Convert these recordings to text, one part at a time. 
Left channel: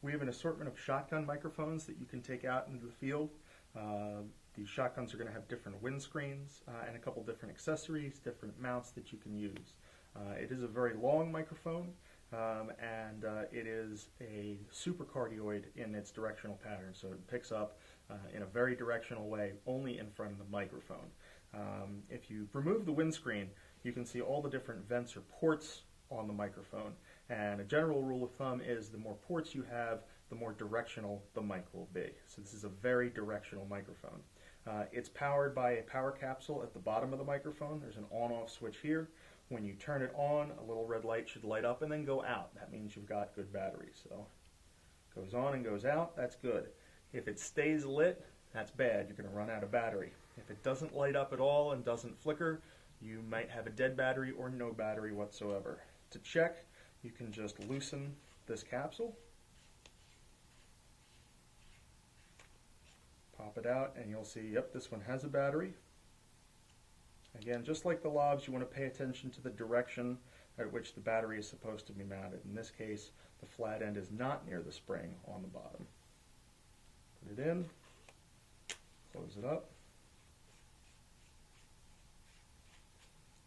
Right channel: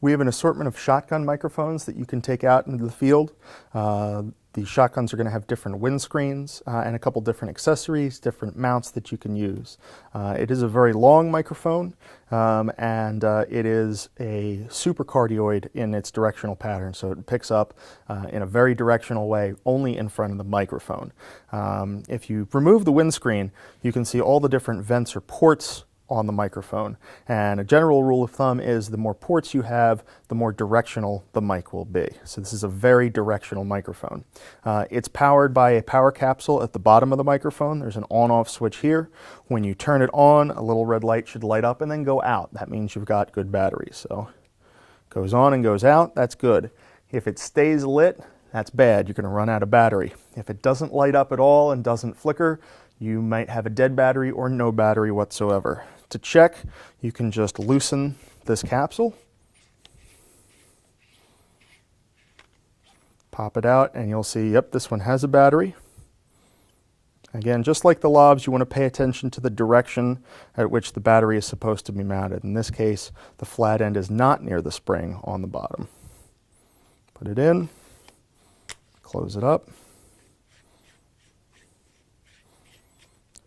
We have an assortment of shotgun microphones that you can take out into the field. The shotguns are going to have different windscreens and a couple different accessories, different mounts that you can use. It is a very long microphone, and it is a supercardioid in its directional pattern, so it picks up in a very directional way only in front of the microphone. If you remove the windscreen, you can see all the different vents or ports on the microphone, and a general rule of thumb is the more ports you have, the more directional the mic will be. So this is a very directional microphone. It's powered by a power capsule at the bottom of the microphone. There's an on-off switch here. When you turn it on, a little red light should light up and then go out. That means you've got good battery. So it goes on and goes out, that's good. If it stays lit, that's bad. You're going to run out of battery. If it doesn't light up at all and doesn't flicker, you might have a dead battery or no battery whatsoever. To check, you can just loosen this capsule, pop it out, and you'll see, yep, this one has a battery. Again, just like the lobs, you want to pay attention to the direction at which the battery is supposed to be mounted. In this case, the flat end is not near the spring on the bottom. Put it in, close it up.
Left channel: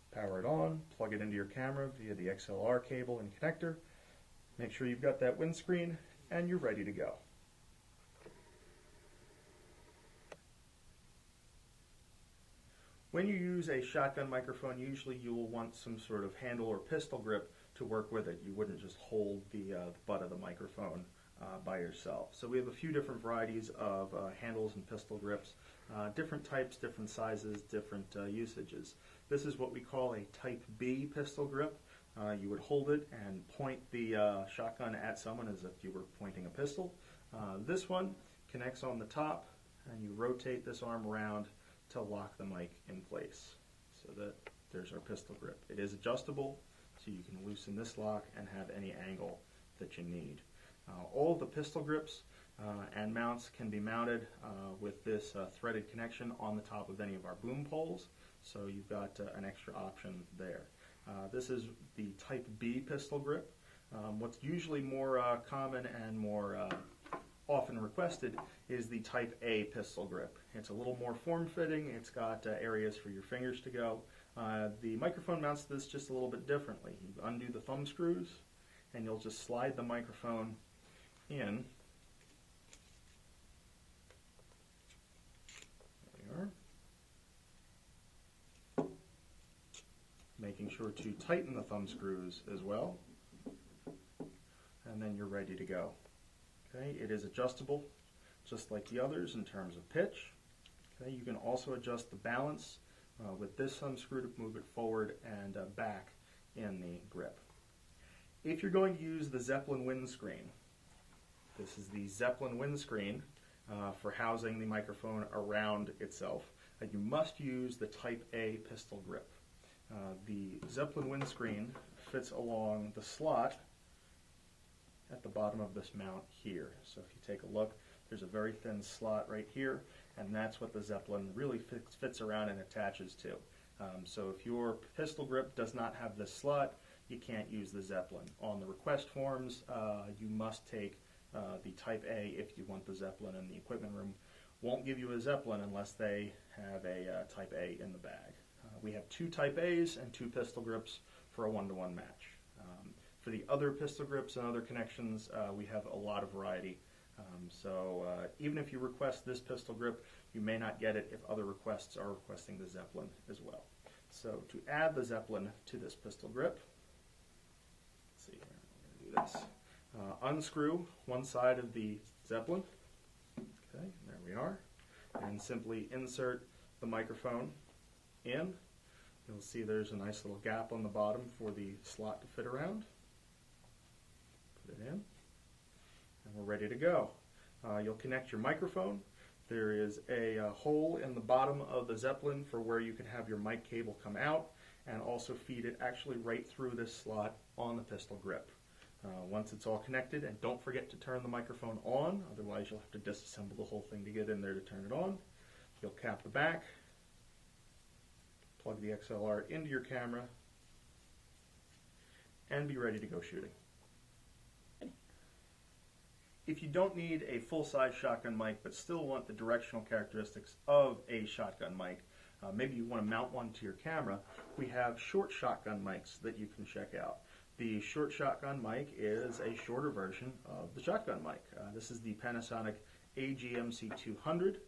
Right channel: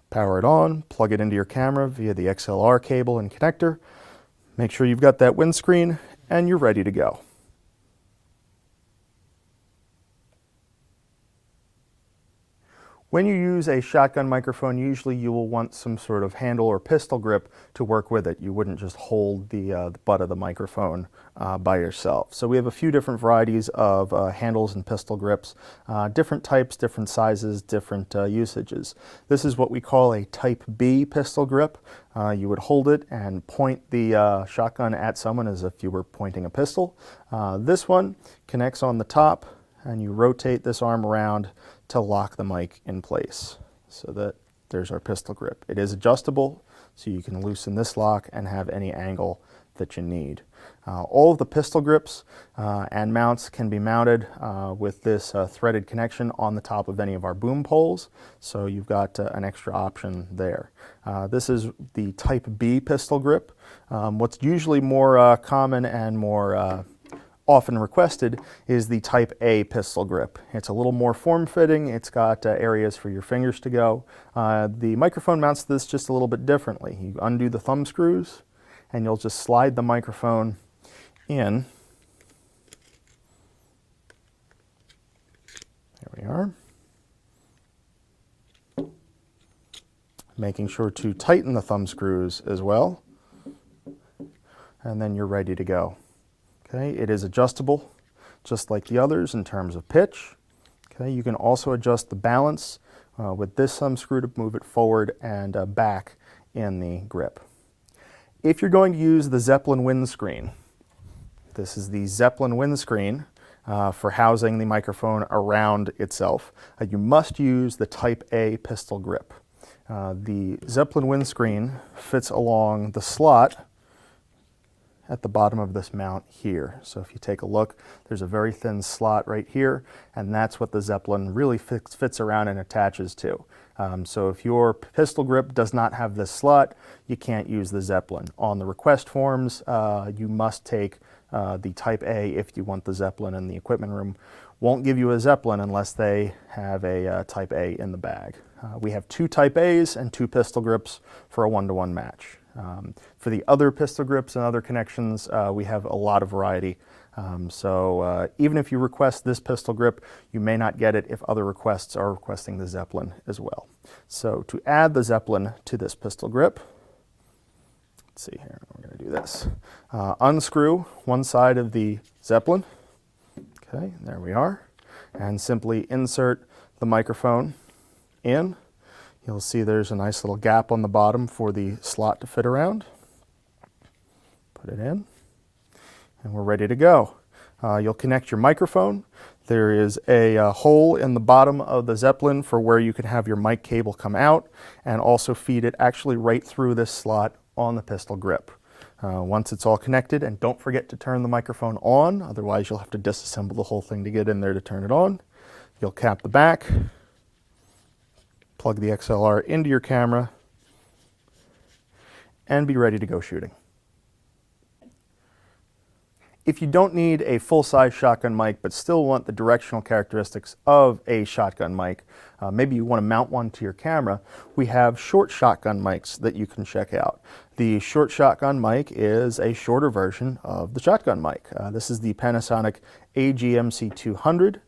Power it on, plug it into your camera via the XLR cable and connector. Make sure you've got that windscreen and you're ready to go. When you use a shotgun microphone, usually you will want some sort of handle or pistol grip to work with it. You wouldn't just hold the butt of the microphone by yourself. So we have a few different varieties of handles and pistol grips, different types, different sizes, different usages. This is what we call a Type B pistol grip. You would hold it and point the shotgun at someone as if you were pointing a pistol. This one connects on the top, and you rotate this arm around to lock the mic in place. So that there's our pistol grip. It is adjustable, so you can loosen this lock and have any angle that you need. All of the pistol grips and mounts can be mounted with this threaded connection on the top of any of our boom poles, so you've got an extra option there. This is the Type B pistol grip. What's usually more common and more often requested is the Type A pistol grip. It's a little more form-fitting. It's got areas for your fingers to go. The microphone mounts this just a little bit differently. You undo the thumb screws and you'll just slide the microphone in. There we are. Making sure to tighten the thumb screws as well. And then you're ready to go. Okay, it is adjustable just like the others in terms of pitch. Okay, you can also adjust the balance with this thumb screw to move it forward and back in the grip. If you're going to use the Zeppelin windscreen, this is the Zeppelin windscreen for housing the microphone around itself. You must use the Type A pistol grip. The Zeppelin windscreen fits along the slot at the bottom of this mount here. So if you take a look, there's a very thin slot right here, and that's what the Zeppelin really fits around and attaches to. So if your pistol grip does not have this slot, you can't use the Zeppelin. On the request forms, you must take the Type A if you want the Zeppelin, and the equipment room won't give you a Zeppelin unless they have a Type A in the bag. We have 2 Type A's and 2 pistol grips for a 1-to-1 match. For the other pistol grips and other connections, we have a lot of variety. So even if you request this pistol grip, you may not get it if other requests are requesting the Zeppelin as well. So to add the Zeppelin to this pistol grip, let's see here, we're going to do this. Unscrew one side of the Zeppelin. Okay, there we are. And simply insert the microphone in. You'll see there's a nice little gap on the bottom for the slot to fit around. Put it in, and we're ready to go. You'll connect your microphone. There is a hole in the bottom of the Zeppelin for where you can have your mic cable come out, and also feed it actually right through this slot on the pistol grip. Once it's all connected, and don't forget to turn the microphone on, otherwise you'll have to disassemble the whole thing to get in there to turn it on. You'll cap the back, plug the XLR into your camera, and be ready to go shooting. If you don't need a full-size shotgun mic but still want the directional characteristics of a shotgun mic, maybe you want to mount one to your camera, we have short shotgun mics that you can check out. The short shotgun mic is a shorter version of the shotgun mic. This is the Panasonic AGMC200.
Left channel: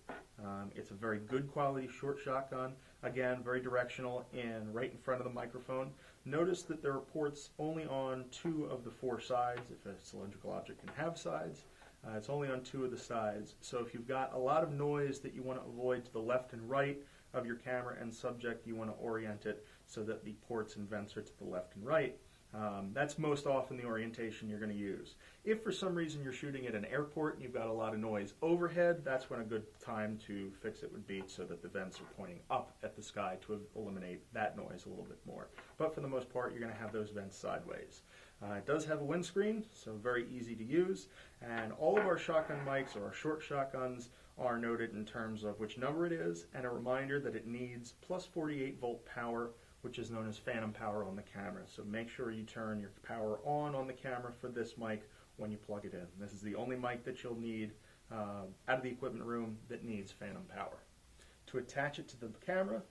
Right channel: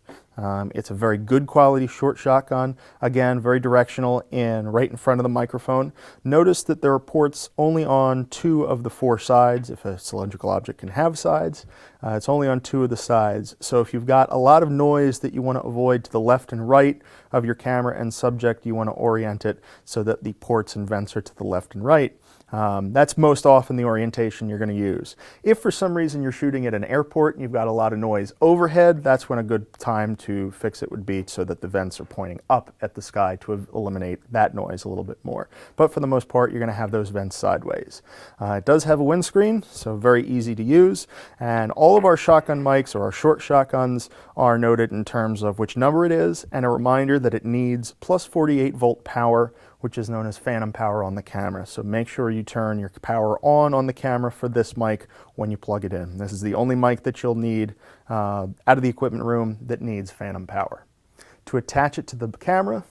It's a very good quality short shotgun. Again, very directional and right in front of the microphone. Notice that there are ports only on 2 of the 4 sides. If a cylindrical object can have sides, it's only on 2 of the sides. So if you've got a lot of noise that you want to avoid to the left and right of your camera and subject, you want to orient it so that the ports and vents are to the left and right. That's most often the orientation you're going to use. If for some reason you're shooting at an airport and you've got a lot of noise overhead, that's when a good time to fix it would be so that the vents are pointing up at the sky to eliminate that noise a little bit more. But for the most part, you're going to have those vents sideways. It does have a windscreen, so very easy to use. And all of our shotgun mics or our short shotguns are noted in terms of which number it is and a reminder that it needs plus 48 volt power, which is known as phantom power on the camera. So make sure you turn your power on the camera for this mic when you plug it in. This is the only mic that you'll need out of the equipment room that needs phantom power. To attach it to the camera,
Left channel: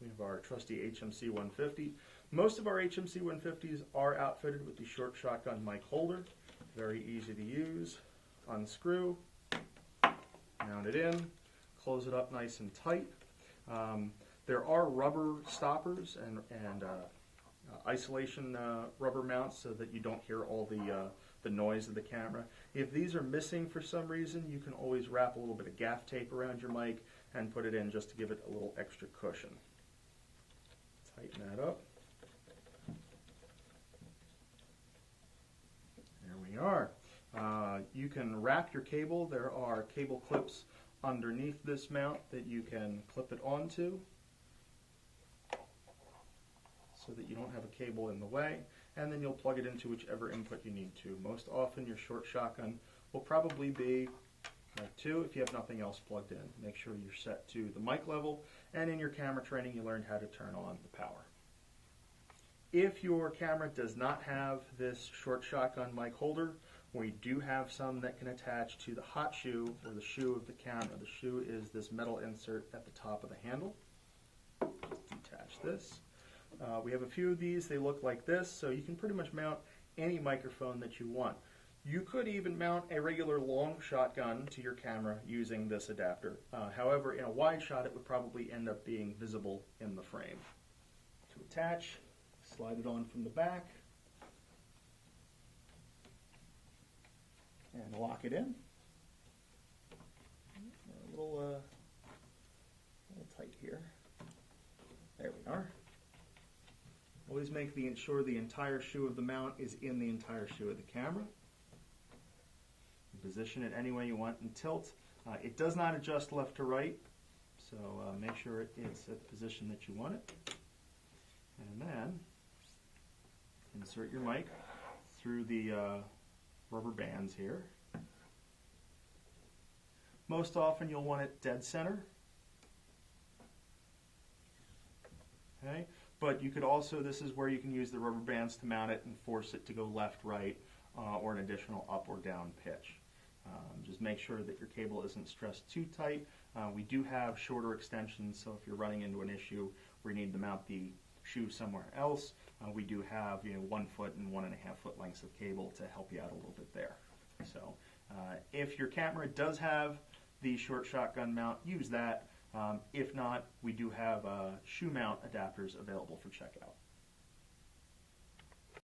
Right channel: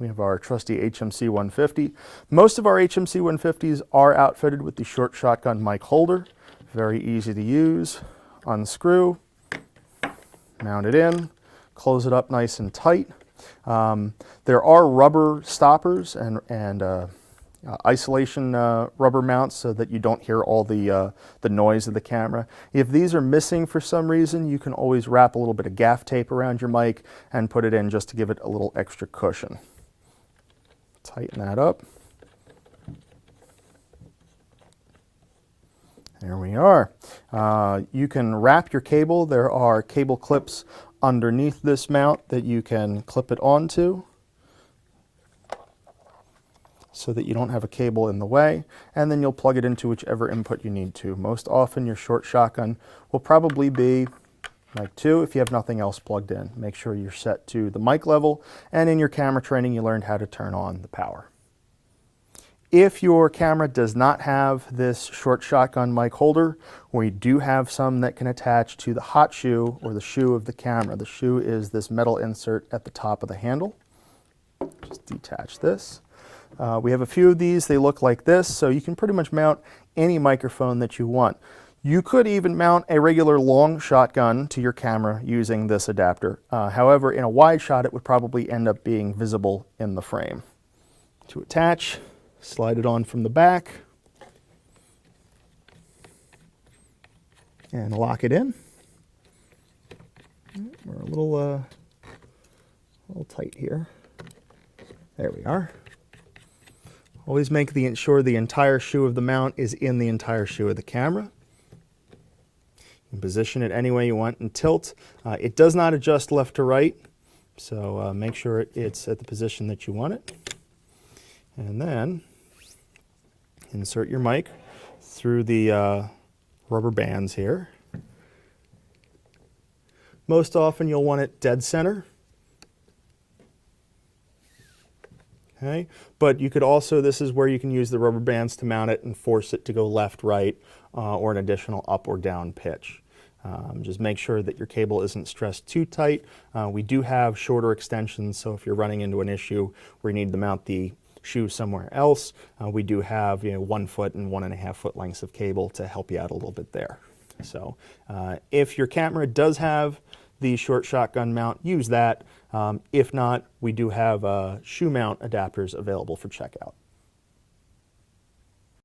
we have our trusty HMC 150. Most of our HMC 150s are outfitted with the short shotgun mic holder. Very easy to use. Unscrew, mount it in, close it up nice and tight. There are rubber stoppers and isolation rubber mounts so that you don't hear all the noise of the camera. If these are missing for some reason, you can always wrap a little bit of gaff tape around your mic and put it in just to give it a little extra cushion. Tighten that up. There we are. You can wrap your cable. There are cable clips underneath this mount that you can clip it onto so that you don't have a cable in the way, and then you'll plug it into whichever input you need to. Most often your short shotgun will probably be mic 2 if you have nothing else plugged in. Make sure you're set to the mic level, and in your camera training you learned how to turn on the power. If your camera does not have this short shotgun mic holder, we do have some that can attach to the hot shoe or the shoe of the camera. The shoe is this metal insert at the top of the handle. Just detach this. We have a few of these. They look like this, so you can pretty much mount any microphone that you want. You could even mount a regular long shotgun to your camera using this adapter. However, in a wide shot, it would probably end up being visible in the frame. To attach, slide it on from the back and lock it in. We're a little tight here. There we are. Always make sure the entire shoe of the mount is in the entire shoe of the camera. You can position it any way you want and tilt. It does not adjust left to right, so make sure it's at the position that you want it. And then insert your mic through the rubber bands here. Most often you'll want it dead center. Okay, but you could also, this is where you can use the rubber bands to mount it and force it to go left, right, or an additional up or down pitch. Just make sure that your cable isn't stressed too tight. We do have shorter extensions, so if you're running into an issue where you need to mount the shoe somewhere else, we do have 1 foot and 1.5 foot lengths of cable to help you out a little bit there. So if your camera does have the short shotgun mount, use that. If not, we do have shoe mount adapters available for checkout.